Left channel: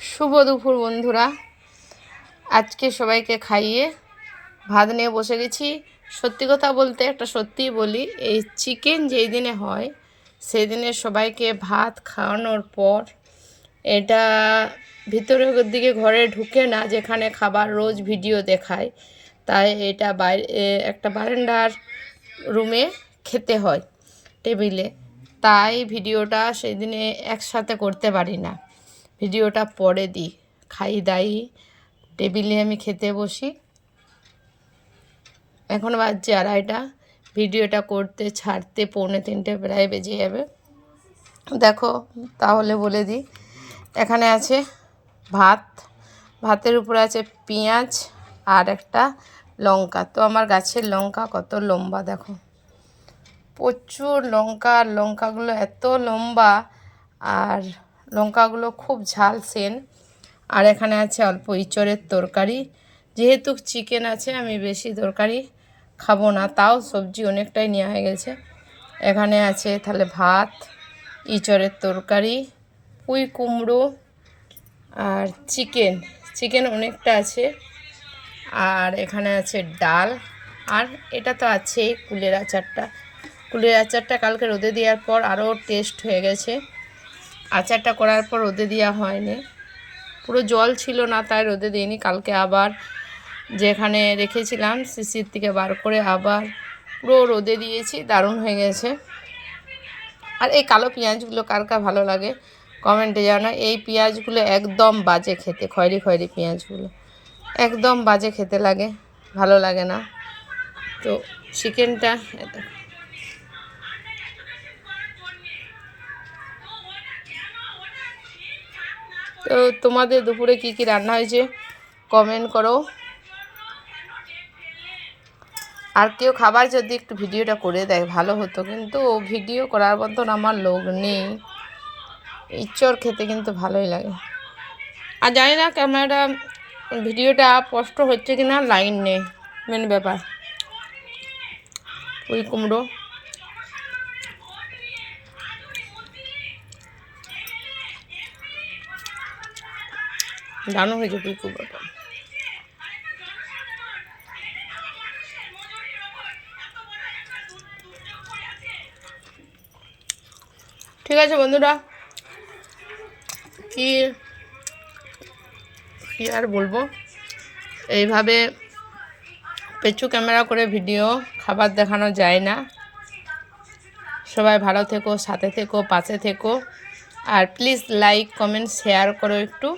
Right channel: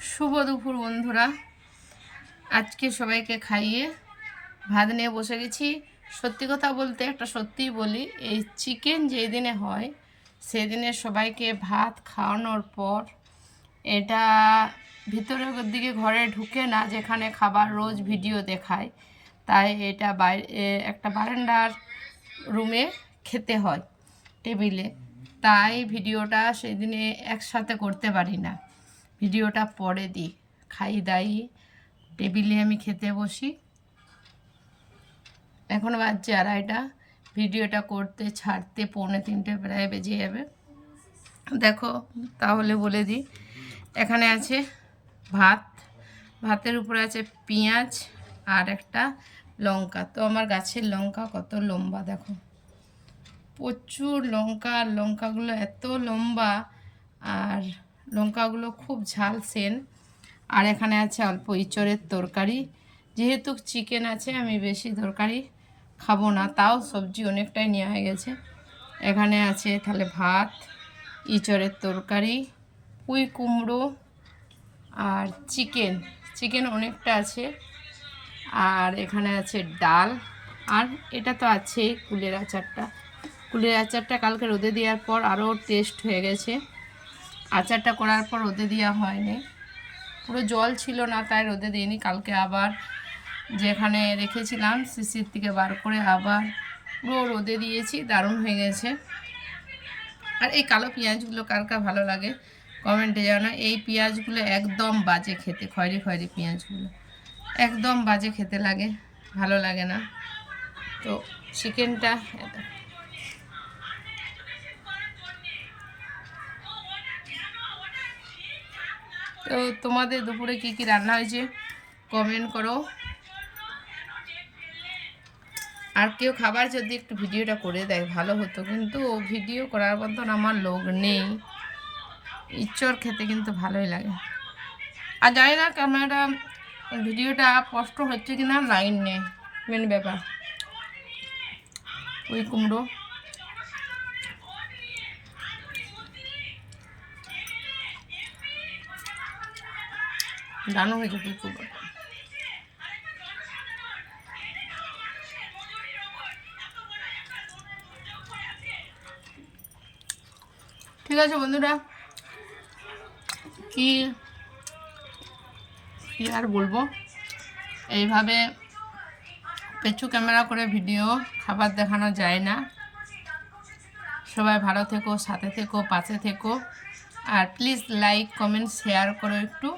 শুভ দুপুর বন্ধুরা। আজকে সবাইকে খাইয়ে ভাত নিয়ে বসে গেছি। সত্যি কথা বলতে একটা সত্যিই বলি, এই চিকেন যেই দিনে হয় সেই দিনে সবাইকে ভাত খাওয়ানোর পর এটা ভিতরের দিকে ঘরে ঢুকে না, যেখানে খাবার রোজ ভিডিও দেখায়, তাই এটা বাইরে একটা বারান্দার রুমে খেতে হয় টেবিলে। তাই ভিডিওটা সেই দিনে একসাথে করতে পারি না, ভিডিওটা পরে দিই। খাই দাই টেবিলে আমি খেতে বসি। এখন বাজছে 2:30, ভিডিওটা করতে ছাড়তে 2:45 প্রায় বেজে যাবে। দেখো তাহলে বলে দিই, এখানে আছে ভাত, ভাতের উপরে আছে পেঁয়াজ আর একটা লঙ্কা। তো আমার গাছের লঙ্কা কত লম্বা দেখো, প্রচুর লঙ্কা। আর লঙ্কাগুলো এত লম্বা আর লঙ্কাগুলো খুব ঝাল সেন। আর এখানে আছে অল্প ইঁচড়ের তরকারি। যেহেতু চিকেন আছে আমি বেশি তরকারি খাবো না, তাও সবজি অনেকটাই নেওয়া হয়ে গেছে। এখানে আছে তাহলে ভাত, ইঁচড়ের তরকারি, পুঁই কুমড়ো আর চিকেন অনেকটা আছে। আর এখানে আছে ডাল। আর এটা তো আছেই কুলের আচারটা কালকে রোদে দেওয়ার পর আরও টেস্ট হয়ে গেছে। আচারটা করার পর রোদে দেওয়া হয়নি, পুরো জল ছিল না তাই রোদে দিইনি। কালকে আবার যেখানে রেখেছিলাম শিশির থেকে বার করে আবার পুরো রোদে দিয়েছি, দারুণ হয়ে গেছে। আর এই কালো পেঁয়াজগুলো কার কার ভালো লাগে কমেন্টে জানাও। এই পেঁয়াজগুলো একদম বাজে খেতে, খয়েরি খয়েরি পেঁয়াজগুলো একদম বাজে খেতে লাগে, ভালো লাগে না। তো চিকেনটা তো তোমাদের দুপুরে কি কি রান্না হয়েছে কমেন্ট করো। আর কেউ খাবার যদি একটু ভিডিওটা করে দেয় ভালো হতো, কিন্তু ভিডিও করার মতন আমার লোক নেই। ইঁচড় খেতে কিন্তু ভালোই লাগে। আর জানি না ক্যামেরাটা ভিডিওটা স্পষ্ট হচ্ছে কি না, লাইন নেই মেন ব্যাপার। পুঁই কুমড়ো, দারুণ হয়েছে পুঁই কুমড়োটা। ঠিক আছে বন্ধুরা, কি আর বলবো, এইভাবে পেছু ক্যামেরা করে ভিডিও খাবার দেখানো যায় না। সবাই ভালো থেকো, সাথে থেকো, পাশে থেকো। আর প্লিজ লাইক কমেন্ট শেয়ার করো একটু।